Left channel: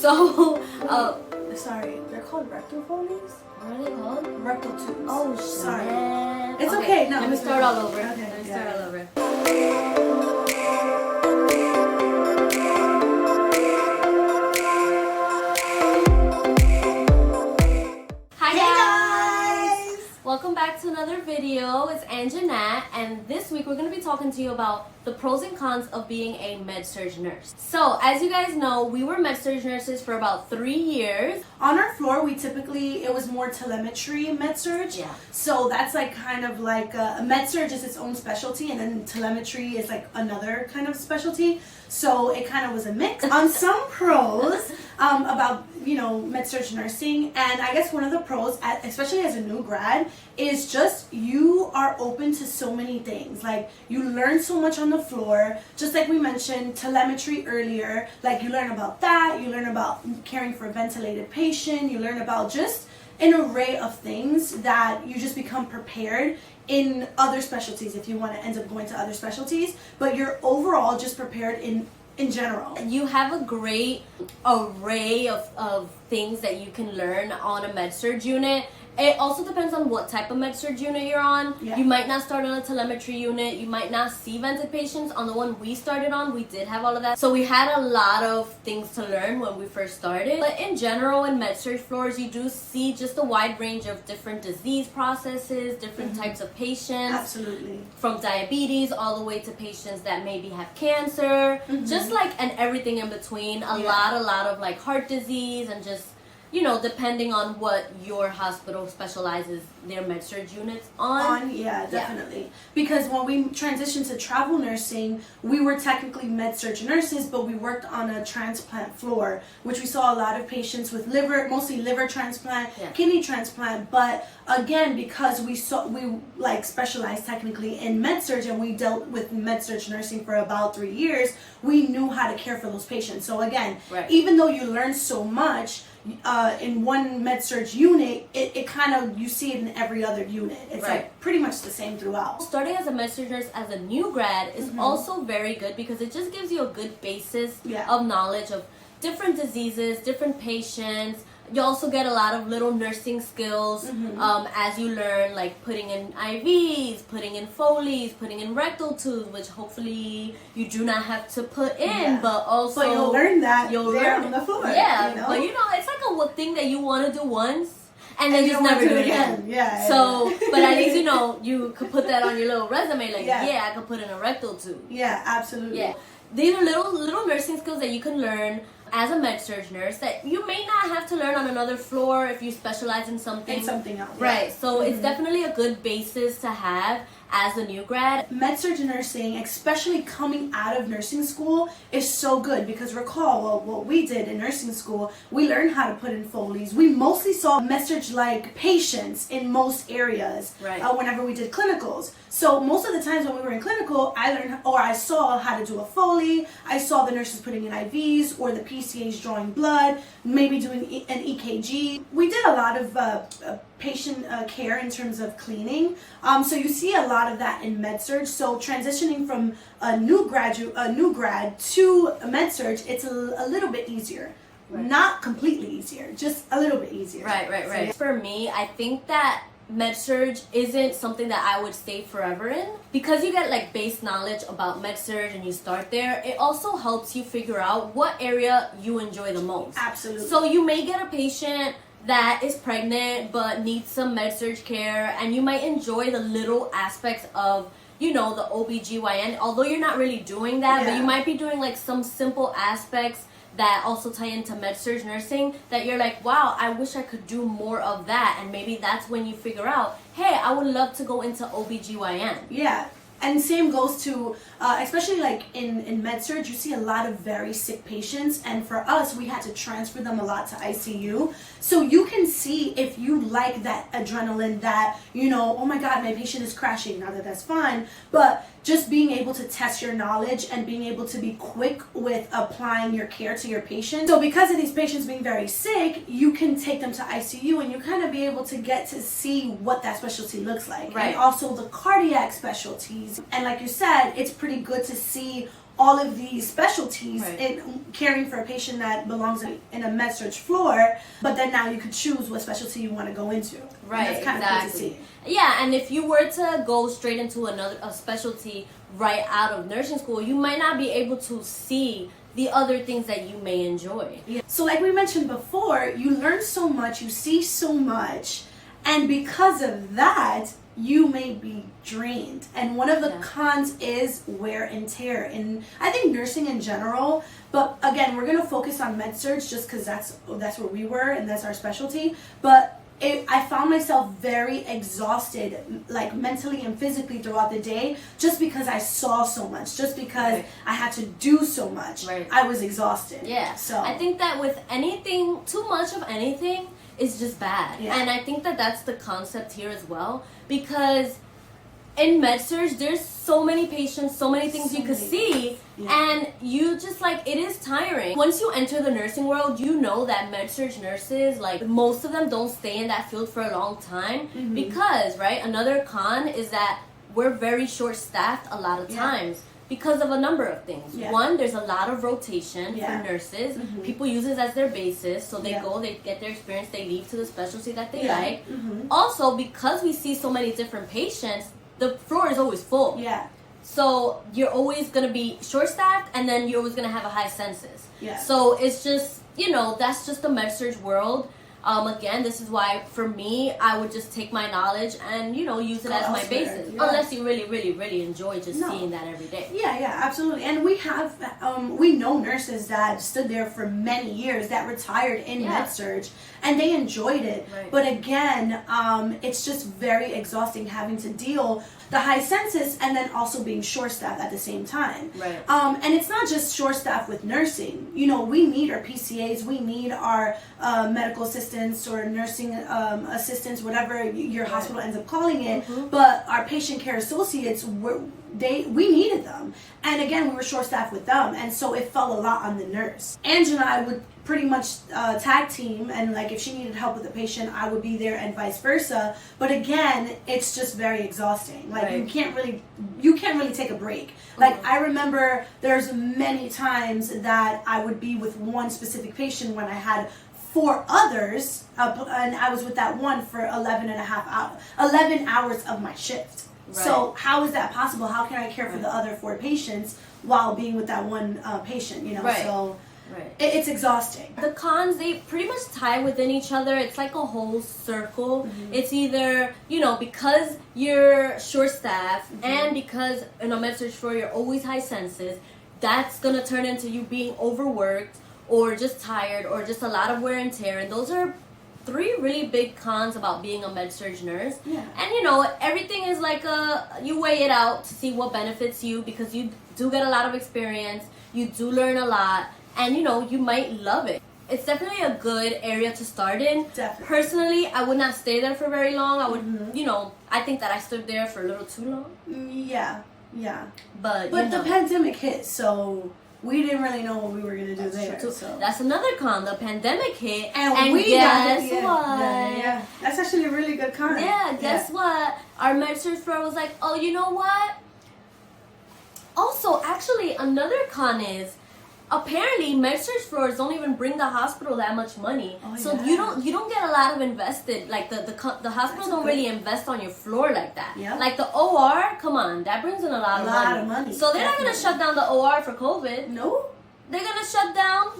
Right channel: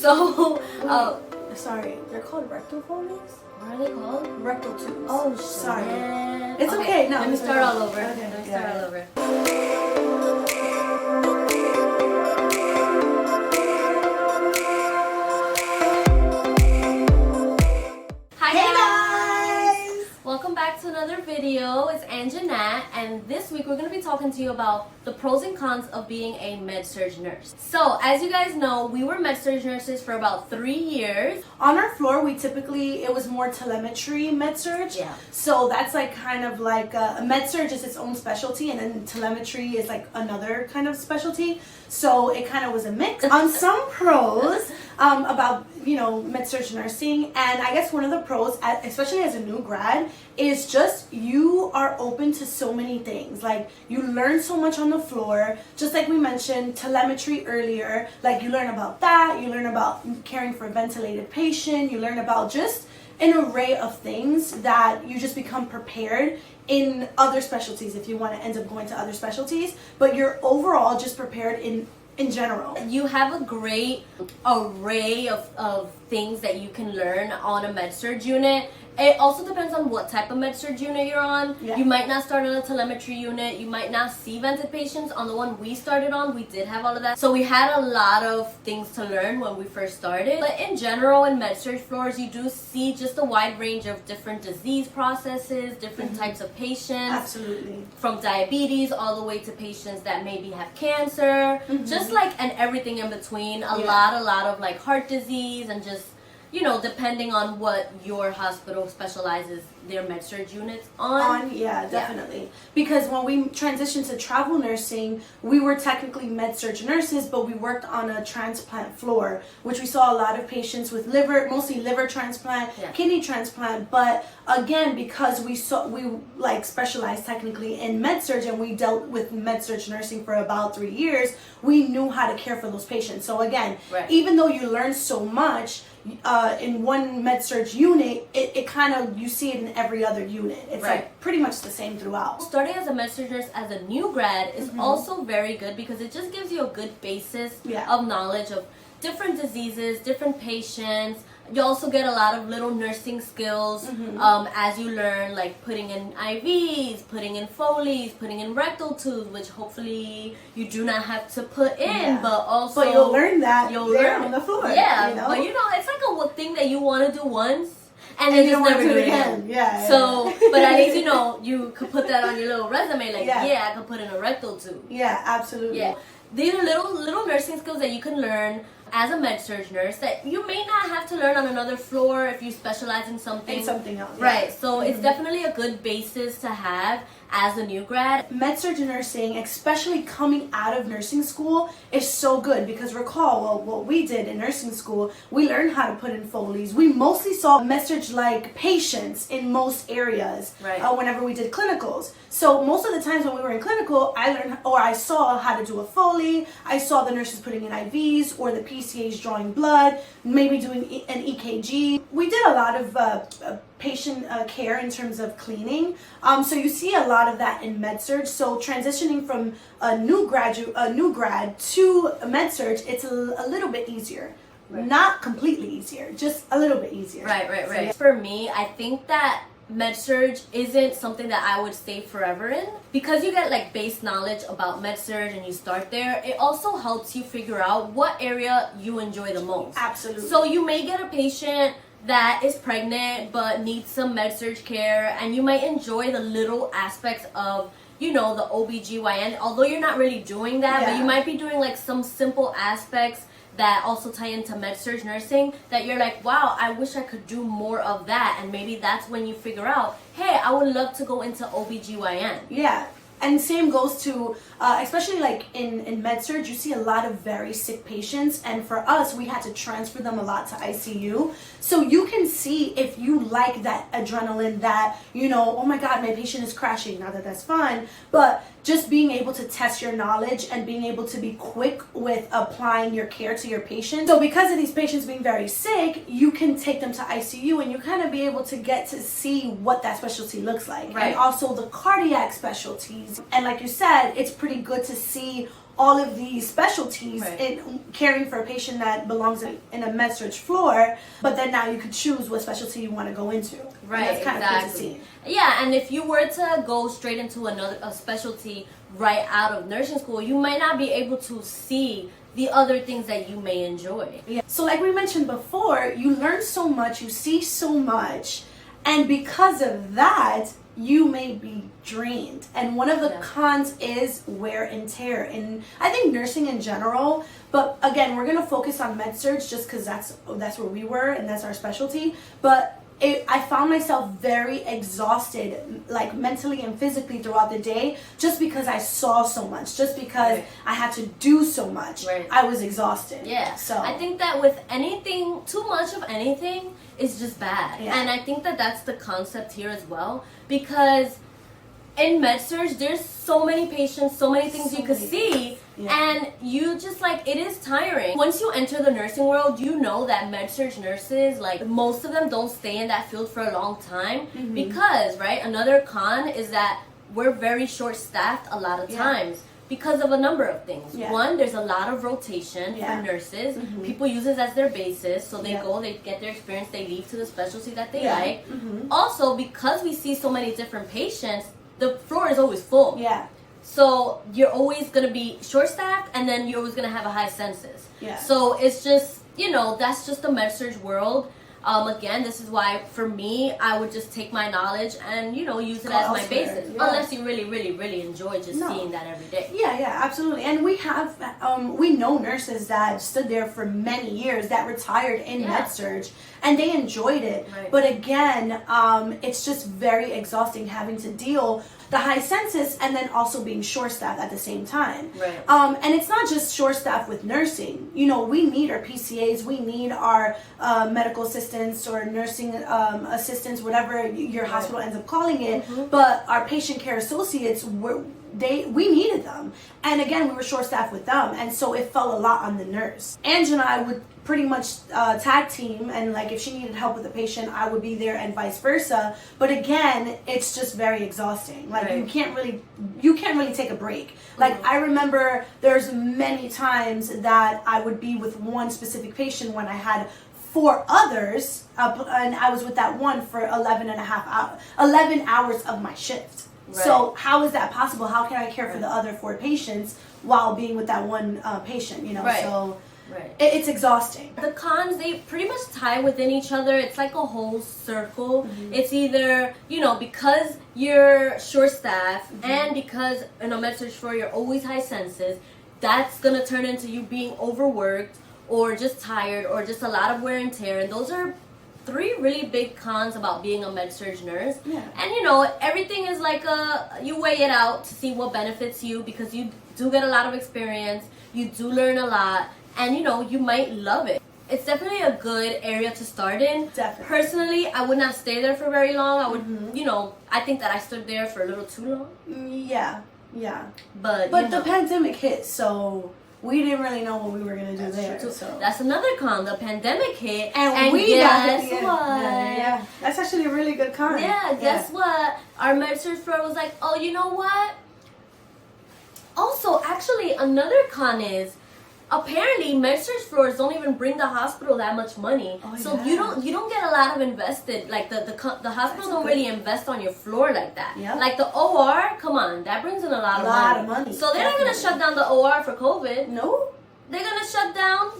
So, Sorry, they're called rectal Foley's? what are they called? Rectal tubes. Oh, sorry. shit. It's okay. No, let me it's start okay. all over. Okay, Let me yeah, start yeah. all over. Hi guys! Welcome back to another video. It's Ang&Nat, and this week we're going to be talking to you about the pros and cons of being a Med Surg nurse. So, as you guys know, we were Med Surg nurses for about 3 years. On our floor, it was more telemetry med surg. Yeah. So that's like kind of like a med surg is its own specialty, and then telemetry is like another kind of specialty. So it kind of was a mix. On some pros about med surg nursing, and I guess one of the pros, especially as a new grad, is just you are open to so many things. Like you learn so much on the floor, just like we mentioned telemetry earlier. Like you learn about that, you learn about caring for a ventilated patient, you learn about just an array of things that you just become prepared in other specialties if you want to end up going to other specialties, but you're overall just prepared in general. You have a great array of things that you can learn on a Med Surg unit. It also depends on what type of Med Surg unit you're on. Yeah. You might not start on a telemetry unit. You might not see vented patients. On the one we started on, we did have all of that. So we had a lot of things to learn when we first started. But in general, in Med Surg floors, you do see just a wide range of different disease processes, different types of patients. Absolutely. From diabetes all the way to patients that maybe have cancer. Just like, and everything in between. A lot of like heart disease and just, depending on what your hospital specializes their Med Surg units on. Yeah, definitely. Because when we transitioned to travel nursing, we were technically Med Surg nurses, but we worked on a transplant floor, which we saw a lot of patients with mostly liver transplant, kidney transplant. But again, because we specialized technically in Med Surg and we dealt with Med Surg nursing for about 3 years, we knew how to care for those patients. So again, even though you learn so much, in one Med Surg unit, it kind of, you see it in every other unit. It's like pretty much the same throughout. Starting as a Med Surg nurse as a new grad is also very good because it just gives you a good basis of knowledge of different diseases, different patients. You also get a lot of little nursing skills as you learn, like putting in IVs, putting in Foleys, putting in rectal tubes, which hopefully you do not have to put in, but also... But you'll learn that you'll learn on the floor. Yeah, but it's like a thing that you want to do once, and then just never do it again. Yeah. So, but at least, you could put that on your little resume, like, I could put in a rectal tube. Yeah, absolutely. Yeah. These are little nursing skills that you can learn as a Med Surg nurse that you may not have to learn on another floor if you specialize in something. Else. Right. So it's definitely a good basis to have as a new grad. Med Surg nursing, especially coming out of nursing school, is so good because recall, what we did in nursing school, we learned how to put in Foleys. We mostly saw Med Surg-like patients in most areas whenever we did clinicals. So most of the times when we were in clinical, I saw how to do a Foley, I saw the nurses putting in IVs or the PCAs drawing blood, maybe doing an EKG. We did a lot of patient care in terms of cleaning. So you see a lot of that in Med Surg. So transitioning from a new grad to a Med Surg, it's a little bit easier. Not completely easier, just a little bit easier. Right. So for me, I think that Med Surg isn't something that I would stay forever in. Because you get like base knowledge about Med Surg and you start there, it also helps you figure out what area you enjoy the most. Absolutely. So you may get a patient that is pregnant but needs some Med Surg care, and you might enjoy the little aspects of the OBGYN, although you're not really doing that, but you might be doing like some simple aspects that also tie into Med Surg nursing that you're like, wow, I wish I could do more of that. And maybe that's when you figure out, hey, I would love to go into OBGYN. Yeah. And same goes to, especially like in Med Surg, you see a lot of very sick patients. And for us, we had to transfer them a lot to ICU. So you can see if you like that adrenaline that, oh my God, my patient is crashing. Now that's fun. But just being able to test your knowledge and being able to be quick with applying your care to your patient. So because of these patients being very sick, you can take them to ICU and you kind of be able to get to see what that specialty looks like. Right. And also the cardiac specialties. And like you said, it's pretty good to see all of these specialties Right. in caring for a patient that belongs in a med surg floor, but then now you could choose what specialty you want to go into. Right, And that's kind of cool to exactly. see. Yeah, and if you were to go straight into a specialty right out of nursing school, you might not be able to see the other things that you may enjoy. Yeah. So like we mentioned before, you learn so much, you see so much, and because of that, you may be drained. And one of the cons is wear and tear. And I think nursing in general, but again, we're going to focus on med surg just because that's where we were and that's our specialty. But I found myself very exhausted, like mentally and physically throughout the day, just because I saw so much, just because I had to do so much. Right. I was exhausted. Yeah. So I think that with anything, too much of anything is just bad. Yeah. And I think that that's the concept here as well, because in MedSurg, there's so many patients, so many things you could see, and you just like, it is tiring. Once you enter the nursing world, you know that MedSurg nurses, like most of them don't stay in that field for a long time because, right, another con is that we're very short-staffed a lot of times because of a number of things. One, there's a lot of rotation for nurses. People use it as their basis, so they go, they get their experience, they leave to the specialty that they like. Also, because we see so many different patients, the floor is always full. Yeah. So you're always going to be short-staffed, and then you're always going to have a high census. Yeah. So it's just, you know, that's just the MedSurg world. Again, this is why, for me, I would just take my knowledge and, you know, use it as my basis. Yeah. Unless you really, really, really enjoy just seeing that every day. Yeah, absolutely. And we have, we know nurses that stood there for many years that retired in MedSurg, and they enjoyed it. Right. But again, it's just very exhausting having to deal the high census and then also being short-staffed at the same time. Right. And it's not just short-staffed with nursing. You know, we need our PCAs, we need our medical assistants or nursing assistants, whatever your hospital ends up calling it. But our patient care associates, we needed them. And again, we were short-staffed with them. And so it fell a lot on the nurse. Ange and I would pretty much tag team, and like if she needed help with a patient, I would be there and vice versa. But again, it's just very exhausting. Like you can't really take a break. Like I remember there's many times that I would be with one specific patient when I had 4 others, and I was with that one for 11 hours of my shift. Right. So how is that possible? How can I care for the other 4 patients while being with that one patient, you know? Right. So Right. it's exhausting. The cons, they pretty much tie within each other. It's like a whole circle. It's either, you know, because you're short-staffed and because in a MedSurg floor you're always high census, that's going to turn into you being overworked or just tired or just a lot of wear and tear. And those are 3 really big cons about being a MedSurg nurse. Yeah. And, you know, everything is like you weigh it out to see what benefits you, because you do get a lot of experience. You do learn a lot. And, you know, you might love it. It's definitely a good area to start in. Definitely. Personally, I would not stay there for very long. I would, you know, I think that I stood there for a little too long. Yeah. But But you know, the pandemic hit, so we didn't really know what we were going to do there. true. So. That's another con. The pandemic hit. And we guess got it. what? Yeah. That's actually a really good con. Yeah, guess what? Our MedSurg floor was like, oh, you know what? Also, actually, another con is, apparently, MedSurg floors don't even bring the hospital that much money, so you don't get a lot of invested. Like the hospitals don't really invest on your floor like that. Yeah. Like the OR, come on, that brings in a lot of money. So they're not gonna shut down the OR for COVID. No. They're gonna shut down.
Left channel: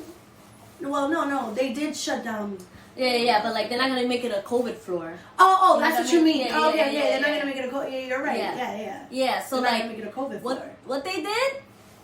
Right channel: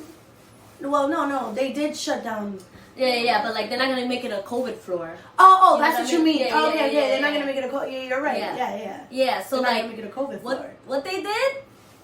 Well, no, they did shut down. Yeah, but like they're not gonna make it a COVID floor. Oh, You know that's what what I you mean? mean. Yeah, They're not gonna make it a COVID. Yeah, you're right. Yeah. Yeah. So They're not like, gonna make it a COVID floor. what they did?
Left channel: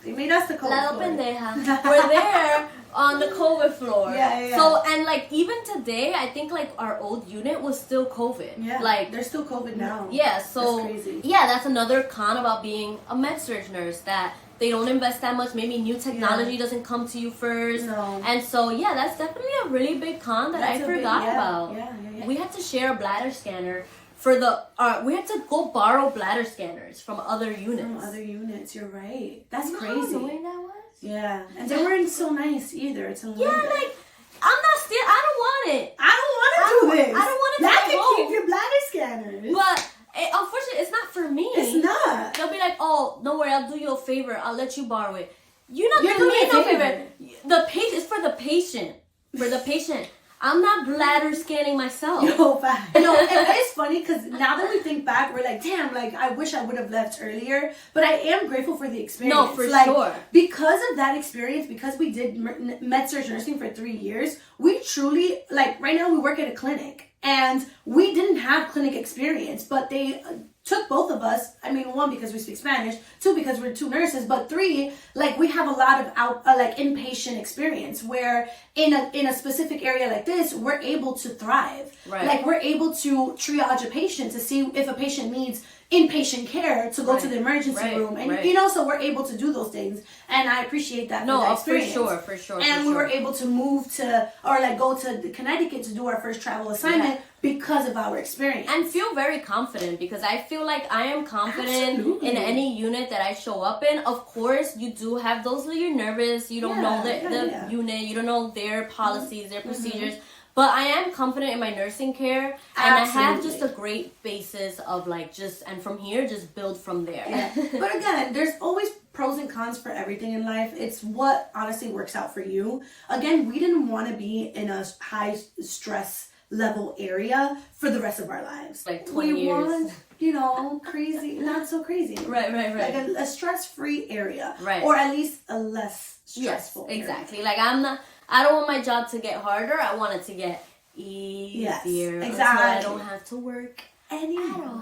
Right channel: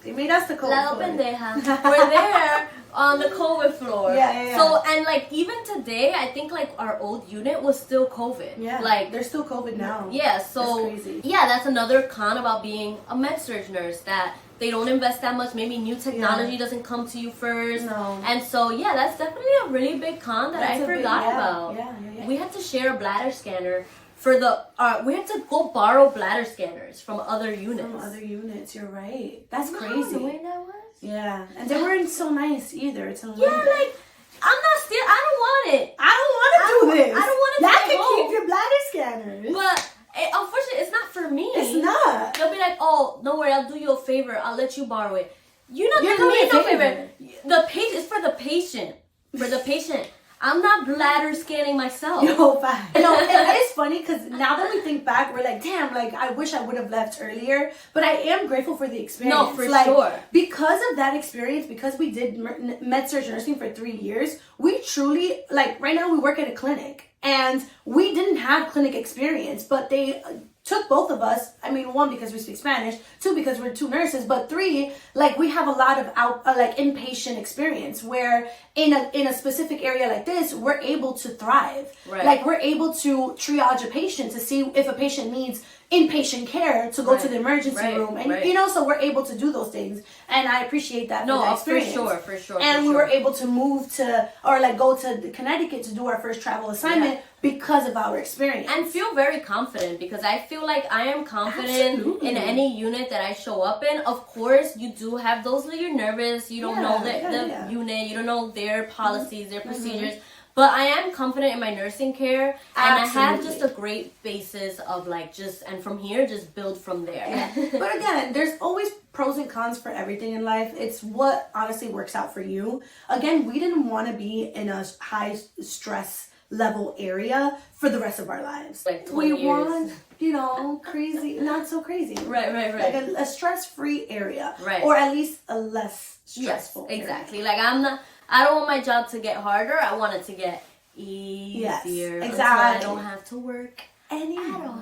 They made us the COVID La floor. pendeja. We're there on the COVID floor. Yeah. So, and like even today, I think like our old unit was still COVID. Yeah. Like there's still COVID now. yeah. So That's crazy. yeah, that's another con about being a MedSurg nurse, that they don't invest that much. Maybe new technology doesn't come to you first. No. And so yeah, that's definitely a really big con that I forgot about. Yeah. We had to share a bladder scanner for the. We had to go borrow bladder scanners from other units. From other units, you're right. That's You know crazy. how annoying that was? Yeah, and they weren't so nice either. It's a little Yeah, bit. like I'm not still. I don't want it. I don't want to do this. I don't want to Y'all do can both. keep your bladder scanners. But unfortunately, it's not for me. It's not. They'll be like, "Oh, don't worry, I'll do you a favor. I'll let you borrow it." You're not You're doing me doing no a favor. The patient is for the patient. For the patient. I'm not bladder scanning myself. No, fact. No, it's funny because now that we think back, we're like, damn, like I wish I would have left earlier. But I am grateful for the experience. No, for like, sure. Because of that experience, because we did Med Surg Nursing for 3 years, we truly, like right now we work at a clinic and we didn't have clinic experience, but they took both of us. I mean, 1, because we speak Spanish, 2, because we're 2 nurses, but 3, like we have a lot of like inpatient experience where in a specific area like this, we're able to thrive. Right. Like we're able to triage a patient to see if a patient needs inpatient care to go to the emergency room, and you know, so we're able to do those things, and I appreciate that. No, for sure. And we were able to move to or like go to Connecticut to do our first travel assignment because of our experience, and feel very confident, because I feel like I am confident in any unit that I show up in. Of course, you do have those that you're nervous. You don't know the unit. You don't know their policies, their procedures. But I am confident in my nursing care, and I have just a great basis of like and from here, just build from there. Yeah. But again, there's always pros and cons for everything in life. It's what honestly works out for you. Again, we didn't want to be in a high stress level area for the rest of our lives. Like 20 years. Want, you know, crazy, not so crazy. Right. Like a stress-free area. Right. Or at least a less stressful area. Exactly. Like I don't want my job to get harder. I want it to get easier. Yes, exactly. So I don't have to work anymore.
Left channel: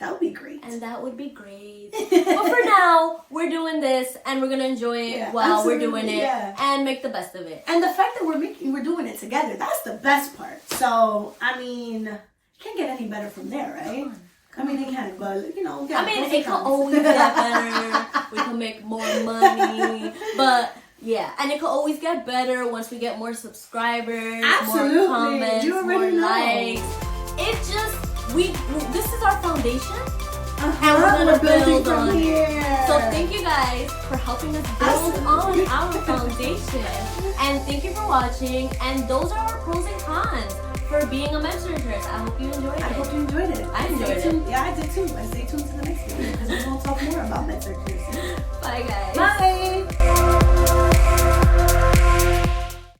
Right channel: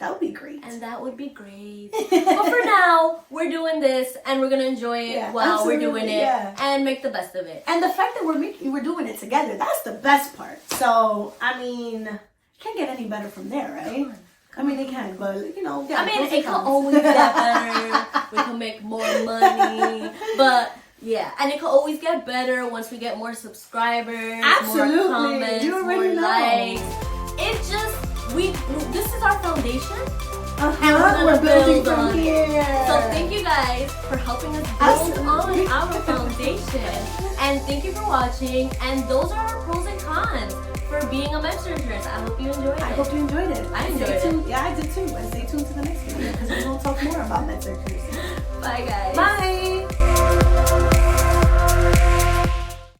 That would be great. And that would be great. But for now, we're doing this, and we're gonna enjoy it while we're doing it, and make the best of it. And the fact that we're doing it together, that's the best part. So I mean, can't get any better from there, right? I mean, it can, but you know. I mean, it can always get better. We can make more money, but. Yeah, and it can always get better once we get more subscribers, more comments, more likes. It just, this is our foundation, and we're gonna build on it. So thank you guys for helping us build on our foundation. And thank you for watching, and those are our pros and cons for being a Med Surg nurse. I hope you enjoyed it. I hope you enjoyed it. I enjoyed it. Yeah, I did too. And stay tuned to the next one because we're going to talk more about Med Surg nursing. Bye, guys. Bye.